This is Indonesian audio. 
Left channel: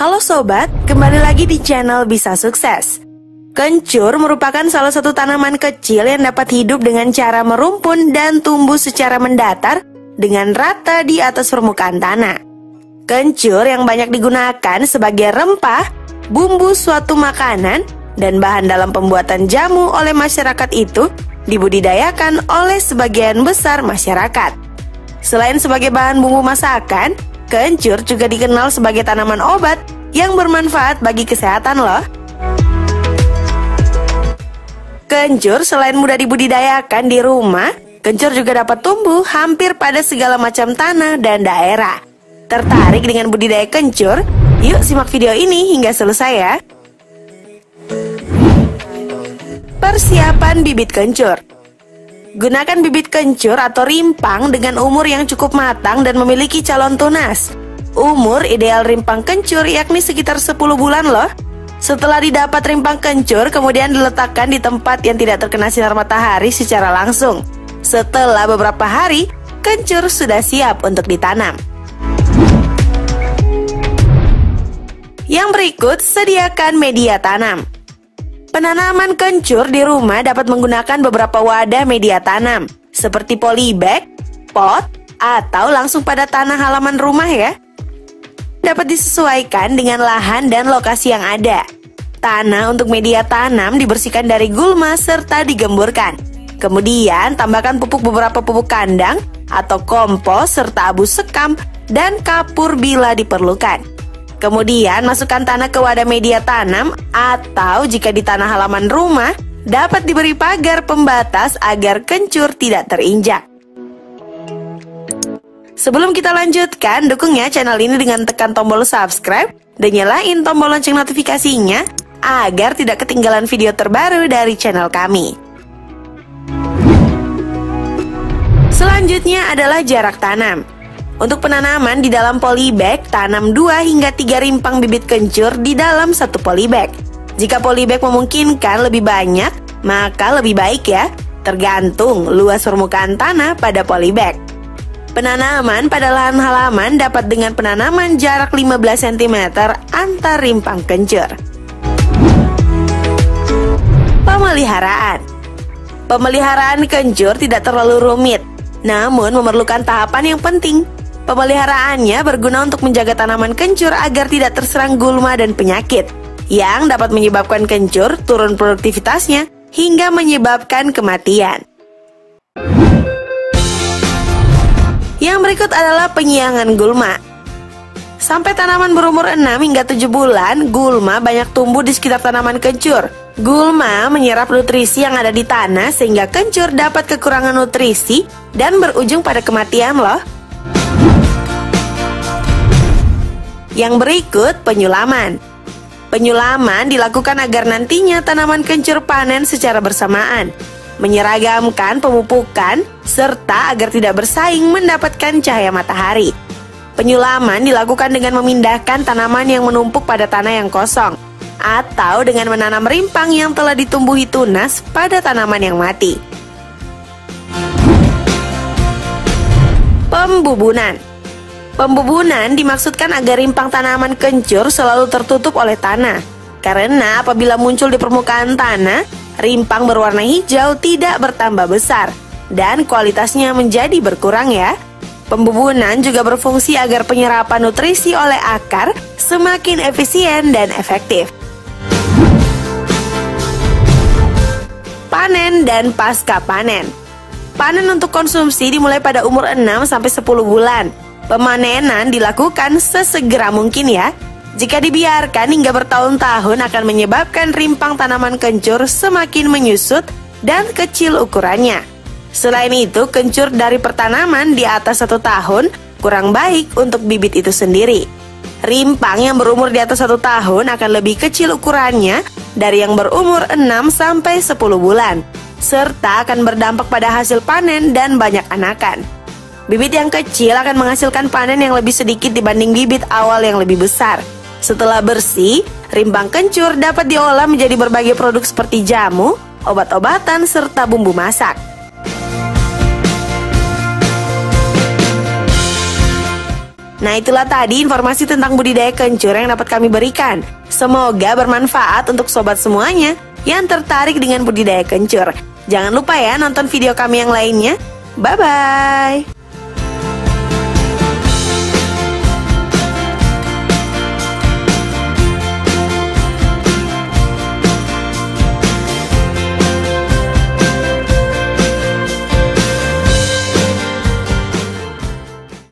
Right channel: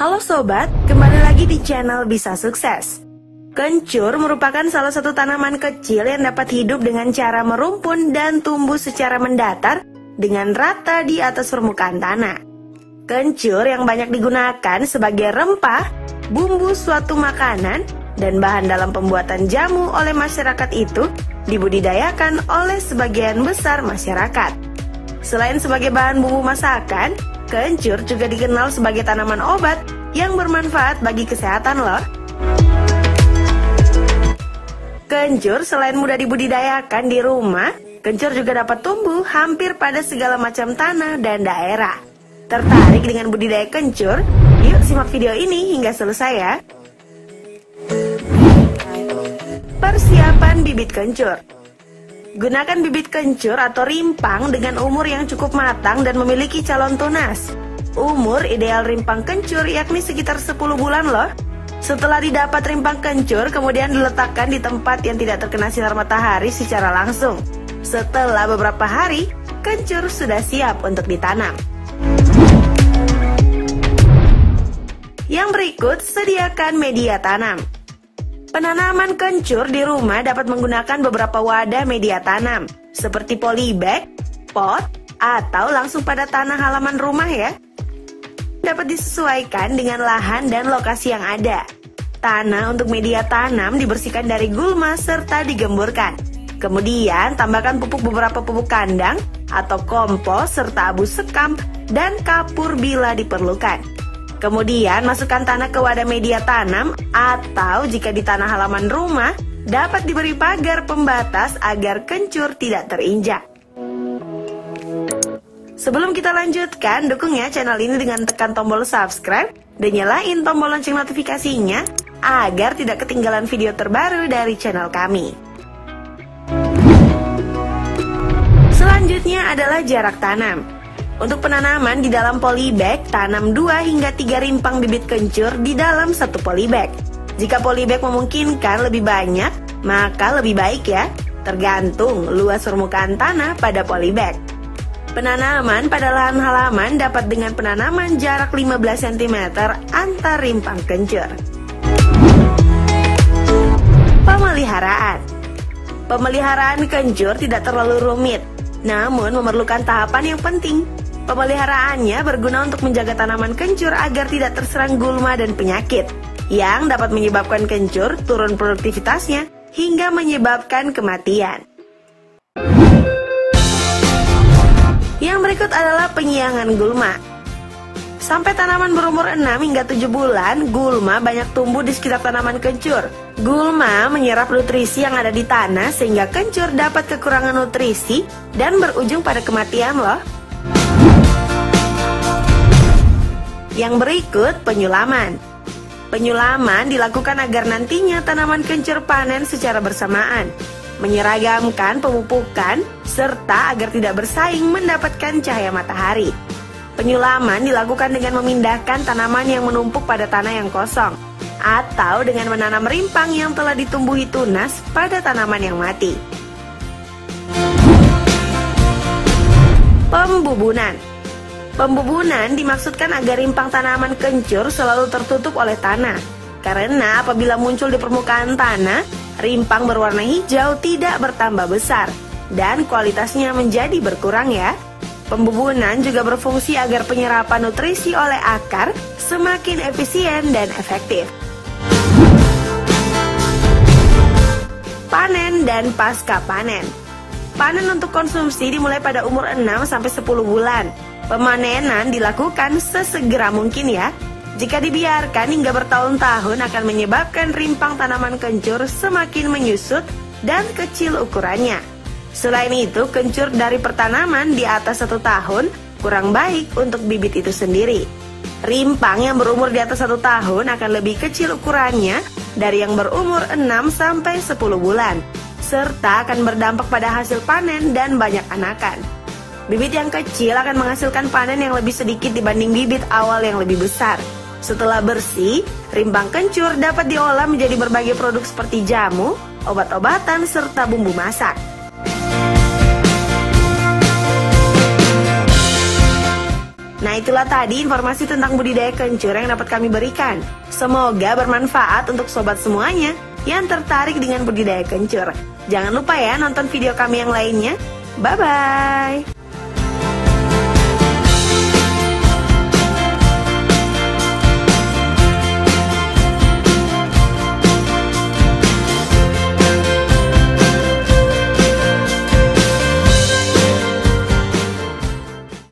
Halo sobat, kembali lagi di channel Bisa Sukses. Kencur merupakan salah satu tanaman kecil yang dapat hidup dengan cara merumpun dan tumbuh secara mendatar dengan rata di atas permukaan tanah. Kencur yang banyak digunakan sebagai rempah, bumbu suatu makanan, dan bahan dalam pembuatan jamu oleh masyarakat itu dibudidayakan oleh sebagian besar masyarakat. Selain sebagai bahan bumbu masakan, kencur juga dikenal sebagai tanaman obat yang bermanfaat bagi kesehatan loh. Kencur selain mudah dibudidayakan di rumah, kencur juga dapat tumbuh hampir pada segala macam tanah dan daerah. Tertarik dengan budidaya kencur? Yuk simak video ini hingga selesai ya. Persiapan bibit kencur. Gunakan bibit kencur atau rimpang dengan umur yang cukup matang dan memiliki calon tunas. Umur ideal rimpang kencur yakni sekitar 10 bulan loh. Setelah didapat rimpang kencur, kemudian diletakkan di tempat yang tidak terkena sinar matahari secara langsung. Setelah beberapa hari, kencur sudah siap untuk ditanam. Yang berikut, sediakan media tanam. Penanaman kencur di rumah dapat menggunakan beberapa wadah media tanam, seperti polybag, pot, atau langsung pada tanah halaman rumah ya. Dapat disesuaikan dengan lahan dan lokasi yang ada. Tanah untuk media tanam dibersihkan dari gulma serta digemburkan. Kemudian tambahkan beberapa pupuk kandang atau kompos serta abu sekam dan kapur bila diperlukan. Kemudian masukkan tanah ke wadah media tanam atau jika di tanah halaman rumah dapat diberi pagar pembatas agar kencur tidak terinjak. Sebelum kita lanjutkan, dukung ya channel ini dengan tekan tombol subscribe dan nyalain tombol lonceng notifikasinya agar tidak ketinggalan video terbaru dari channel kami. Selanjutnya adalah jarak tanam. Untuk penanaman di dalam polybag, tanam 2 hingga 3 rimpang bibit kencur di dalam satu polybag. Jika polybag memungkinkan lebih banyak, maka lebih baik ya, tergantung luas permukaan tanah pada polybag. Penanaman pada lahan halaman dapat dengan penanaman jarak 15 cm antar rimpang kencur. Pemeliharaan. Pemeliharaan kencur tidak terlalu rumit, namun memerlukan tahapan yang penting. Pemeliharaannya berguna untuk menjaga tanaman kencur agar tidak terserang gulma dan penyakit yang dapat menyebabkan kencur turun produktivitasnya hingga menyebabkan kematian. Yang berikut adalah penyiangan gulma. Sampai tanaman berumur 6 hingga 7 bulan, gulma banyak tumbuh di sekitar tanaman kencur. Gulma menyerap nutrisi yang ada di tanah sehingga kencur dapat kekurangan nutrisi dan berujung pada kematian loh. Yang berikut, penyulaman. Penyulaman dilakukan agar nantinya tanaman kencur panen secara bersamaan, menyeragamkan pemupukan, serta agar tidak bersaing mendapatkan cahaya matahari. Penyulaman dilakukan dengan memindahkan tanaman yang menumpuk pada tanah yang kosong, atau dengan menanam rimpang yang telah ditumbuhi tunas pada tanaman yang mati. Pembubunan. Pembubunan dimaksudkan agar rimpang tanaman kencur selalu tertutup oleh tanah. Karena apabila muncul di permukaan tanah, rimpang berwarna hijau tidak bertambah besar dan kualitasnya menjadi berkurang ya. Pembubunan juga berfungsi agar penyerapan nutrisi oleh akar semakin efisien dan efektif. Panen dan pasca panen. Panen untuk konsumsi dimulai pada umur 6 sampai 10 bulan. Pemanenan dilakukan sesegera mungkin ya. Jika dibiarkan hingga bertahun-tahun akan menyebabkan rimpang tanaman kencur semakin menyusut dan kecil ukurannya. Selain itu, kencur dari pertanaman di atas 1 tahun kurang baik untuk bibit itu sendiri. Rimpang yang berumur di atas 1 tahun akan lebih kecil ukurannya dari yang berumur 6 sampai 10 bulan, serta akan berdampak pada hasil panen dan banyak anakan. Bibit yang kecil akan menghasilkan panen yang lebih sedikit dibanding bibit awal yang lebih besar. Setelah bersih, rimpang kencur dapat diolah menjadi berbagai produk seperti jamu, obat-obatan, serta bumbu masak. Nah, itulah tadi informasi tentang budidaya kencur yang dapat kami berikan. Semoga bermanfaat untuk sobat semuanya yang tertarik dengan budidaya kencur. Jangan lupa ya nonton video kami yang lainnya. Bye-bye.